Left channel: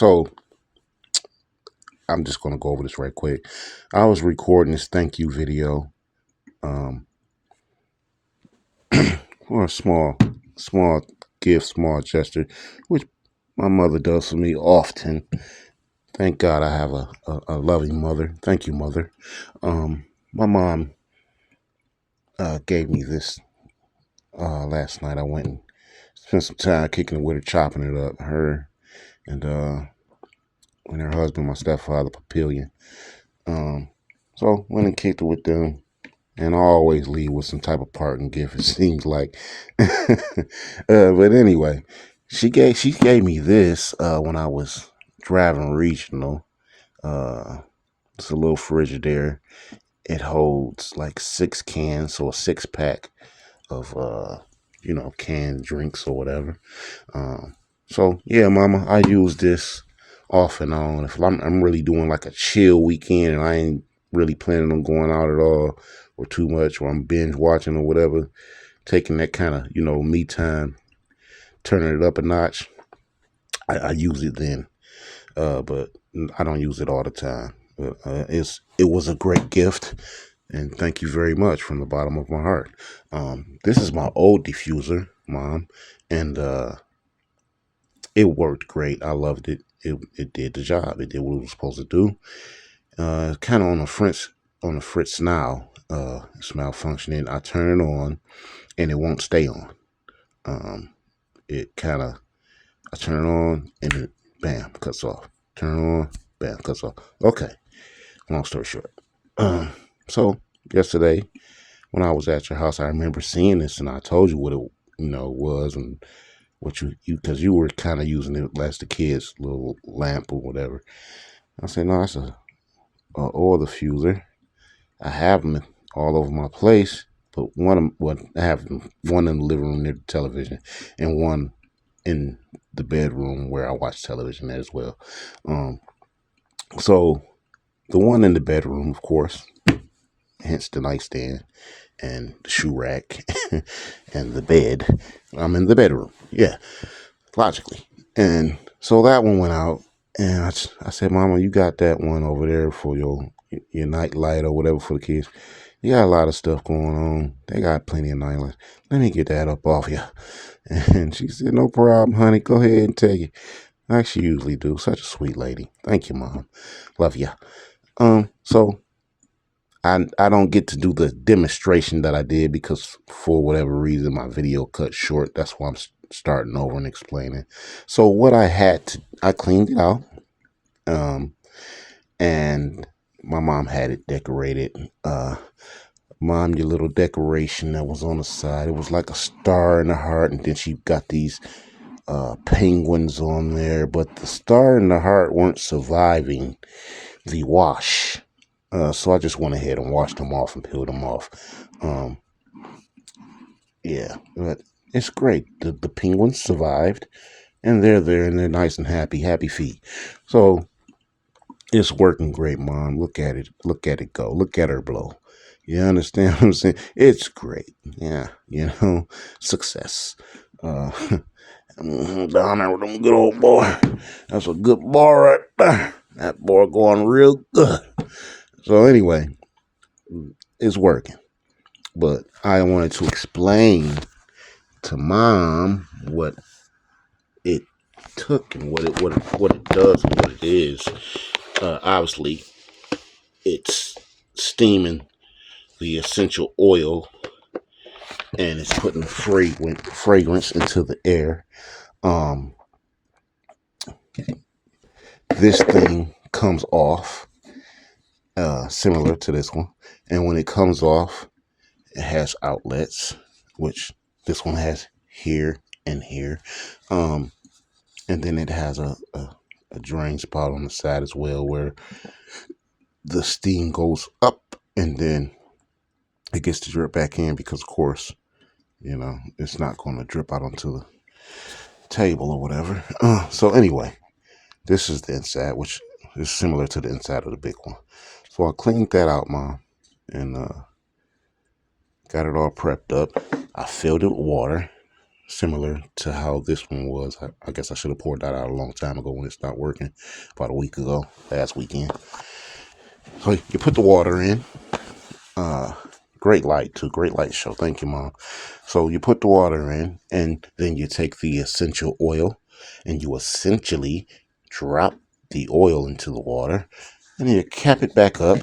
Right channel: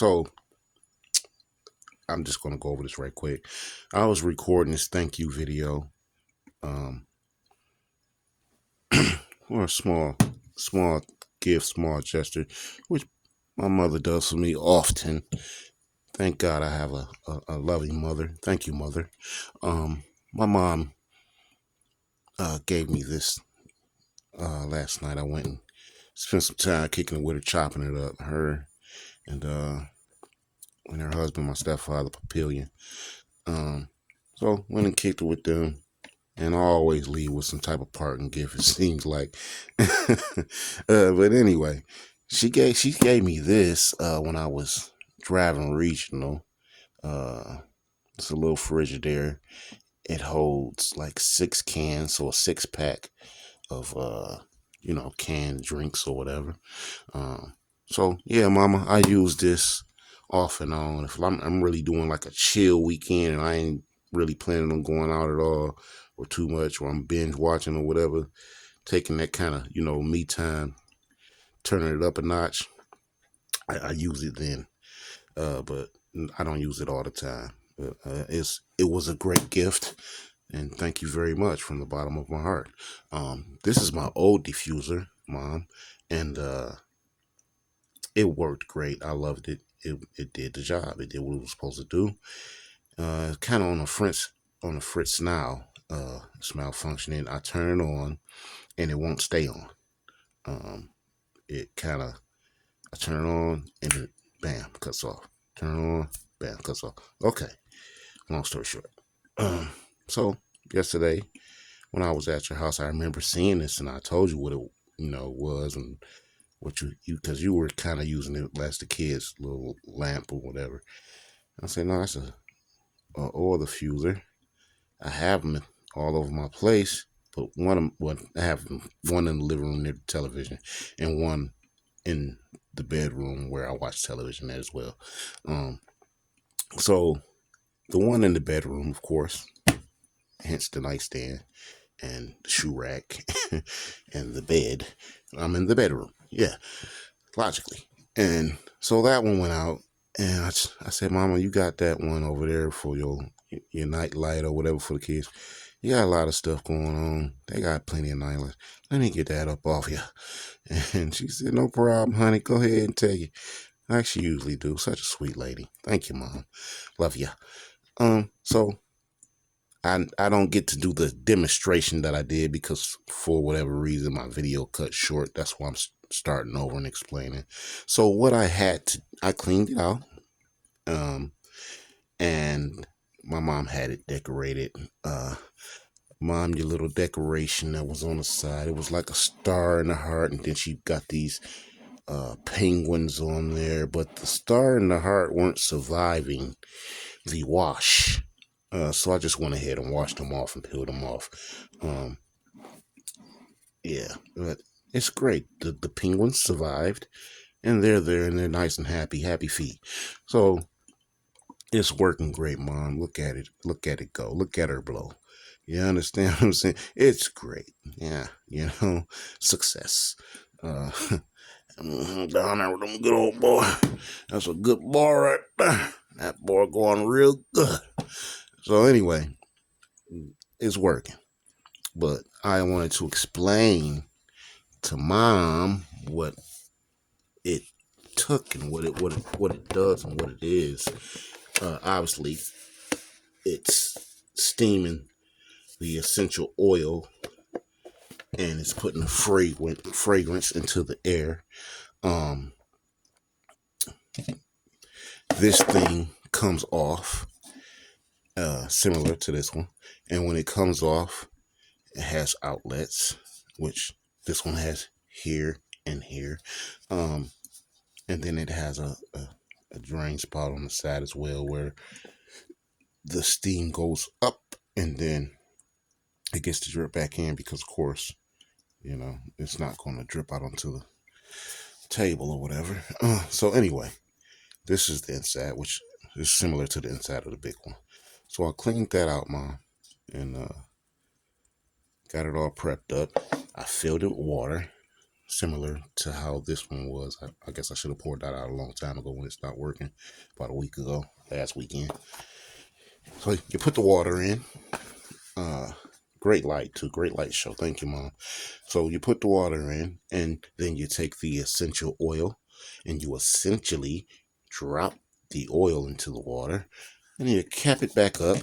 So I'm just going to go over this right quick. I was recording this thank you video for a small gift, small gesture, which my mother does for me often. Thank God I have a loving mother. Thank you, mother. My mom gave me this last night. I went and spent some time kicking it with her, chopping it up. Her and her husband, my stepfather, Papillion. So went and kicked it with them. And I always leave with some type of parting gift, it seems like. But anyway, she gave me this when I was driving regional. It's a little Frigidaire. It holds like 6 cans, so a 6-pack of canned drinks or whatever. So yeah, Mama, I use this off and on. If I'm really doing like a chill weekend and I ain't really planning on going out at all or too much, or I'm binge watching or whatever, taking that kind of me time, turning it up a notch, I use it then. But I don't use it all the time. It was a great gift, and thank you very much from the bottom of my heart. This is my old diffuser, Mom, and it worked great. I loved it. It did the job. It did what it was supposed to do. Kind of on the fritz now. It's malfunctioning. I turn it on, and it won't stay on. I turn it on, and it bam cuts off. Turn it on, bam cuts off. Okay. Long story short. So yesterday when I was at your house, I remember seeing this, and I told you what it was, and what you because you were kind of using it as the kids' little lamp or whatever. I said, no, that's a oil diffuser. I have them all over my place, but I have one in the living room near the television, and one in the bedroom where I watch television as well. So the one in the bedroom, of course, hence the nightstand and the shoe rack and the bed. I'm in the bedroom. Yeah, logically. And so that one went out, and I said, Mama, you got that one over there for your night light or whatever for the kids. You got a lot of stuff going on. They got plenty of night lights. Let me get that up off you. And she said, no problem, honey. Go ahead and take it. Like she usually do. Such a sweet lady. Thank you, Mom. Love ya. So I don't get to do the demonstration that I did because for whatever reason my video cut short. That's why I'm starting over and explaining. So what I cleaned it out, and my mom had it decorated. Mom, your little decoration that was on the side, it was like a star and a heart, and then she got these penguins on there, but the star and the heart weren't surviving the wash. So I just went ahead and washed them off and peeled them off. Yeah, but it's great. The penguins survived, and they're there, and they're nice and happy feet. So it's working great, Mom. Look at it. Look at it go. Look at her blow. You understand what I'm saying? It's great. Yeah, success. Down there with them good old boy. That's a good boy right there. That boy going real good. So anyway, it's working. But I wanted to explain to Mom what it took and what it does and what it is. Obviously, it's steaming the essential oil, and it's putting fragrance into the air. This thing comes off similar to this one, and when it comes off, it has outlets, which this one has here and here, and then it has a drain spot on the side as well where the steam goes up, and then it gets to drip back in because, of course, it's not going to drip out onto the table or whatever. So anyway, this is the inside, which is similar to the inside of the big one. So I cleaned that out, Mom, and got it all prepped up. I filled it with water, similar to how this one was. I guess I should have poured that out a long time ago when it stopped working, about a week ago, last weekend. So you put the water in. Great light too. Great light show. Thank you, Mom. So you put the water in, and then you take the essential oil, and you essentially drop the oil into the water, and then you cap it back up,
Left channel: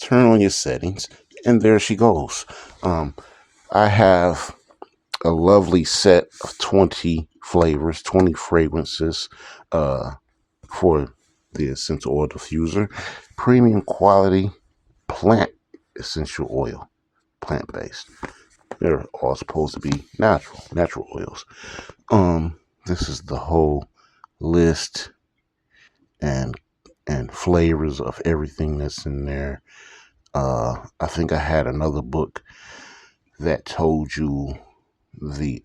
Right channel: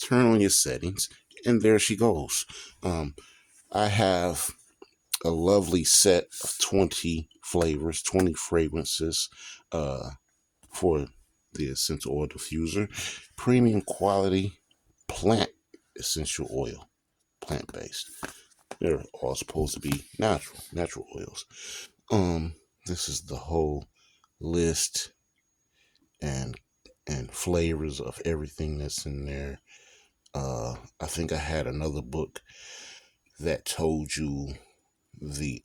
turn on your settings, and there she goes. I have a lovely set of 20 flavors, 20 fragrances for the essential oil diffuser. Premium quality plant essential oil, plant-based. They're all supposed to be natural oils. This is the whole list and flavors of everything that's in there. I think I had another book that told you the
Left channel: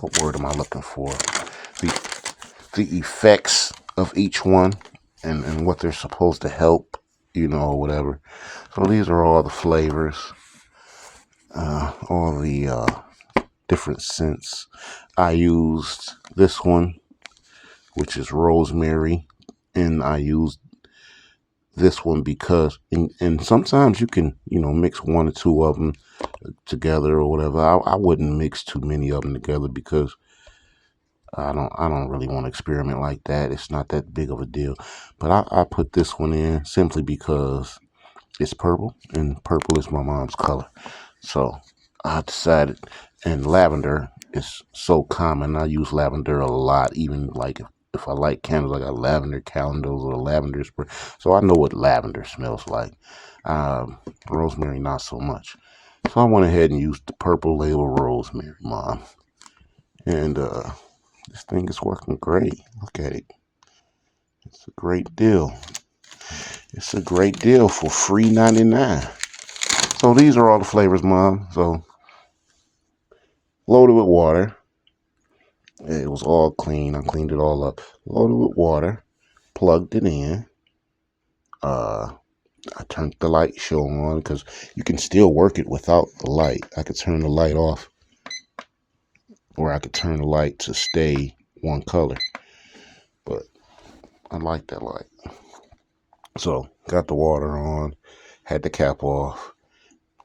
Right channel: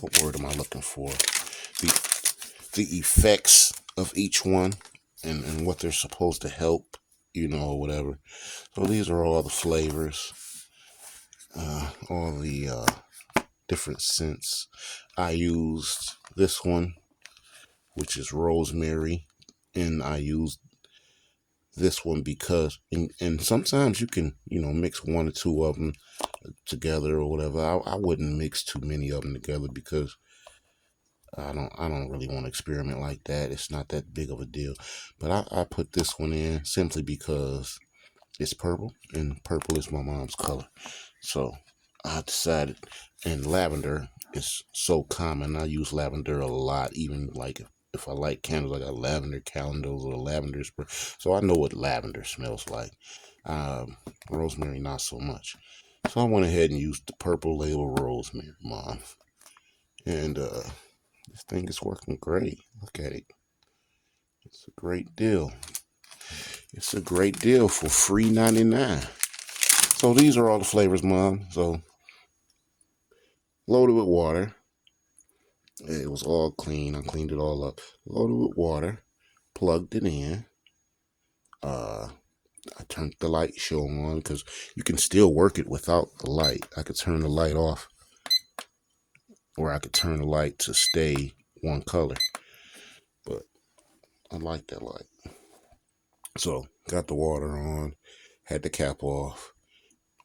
what word am I looking for? The effects of each one and what they're supposed to help, or whatever. So these are all the flavors, all the different scents. I used this one, which is rosemary, and I used this one because, and sometimes you can, mix one or two of them together or whatever. I wouldn't mix too many of them together because I don't really want to experiment like that. It's not that big of a deal. But I put this one in simply because it's purple, and purple is my mom's color. So I decided, and lavender is so common. I use lavender a lot, even like if I like candles, I got lavender candles or lavender spray. So I know what lavender smells like. Rosemary, not so much. So I went ahead and used the purple label rosemary, Mom. And this thing is working great. Look at it. It's a great deal. It's a great deal for free 99. So these are all the flavors, Mom. So loaded with water. It was all clean. I cleaned it all up. Loaded with water. Plugged it in. I turned the light show on because you can still work it without the light. I could turn the light off, or I could turn the light to stay one color. But I like that light. So got the water on, had the cap off,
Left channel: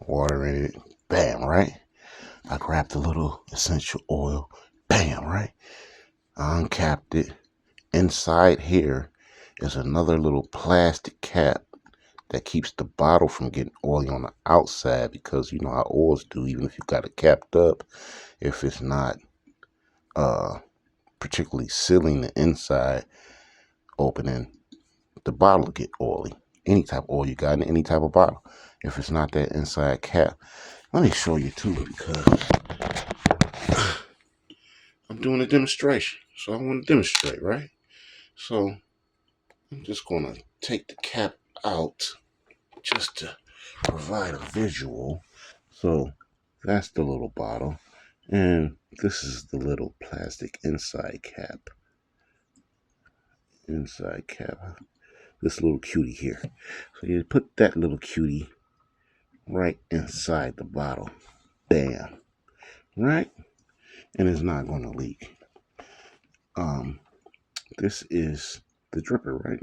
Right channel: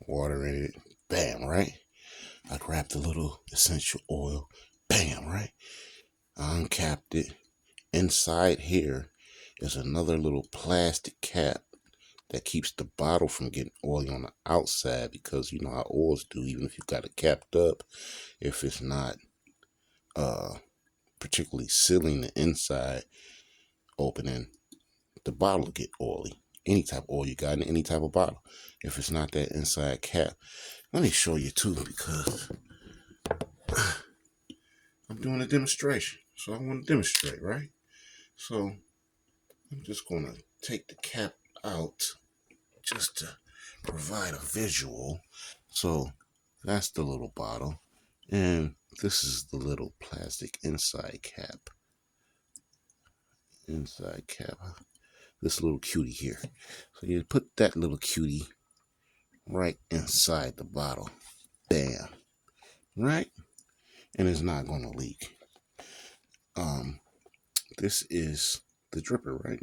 water in it. Bam, right? I grabbed the little essential oil. Bam, right? I uncapped it. Inside here is another little plastic cap that keeps the bottle from getting oily on the outside, because you know how oils do, even if you got it capped up, if it's not particularly sealing the inside opening, the bottle will get oily. Any type of oil you got in any type of bottle, if it's not that inside cap. Let me show you too, because I'm doing a demonstration, so I want to demonstrate, right? So I'm just gonna take the cap out just to provide a visual. So that's the little bottle, and this is the little plastic inside cap. This little cutie here. So you put that little cutie right inside the bottle. Bam. Right? And it's not gonna leak. This is the dripper, right?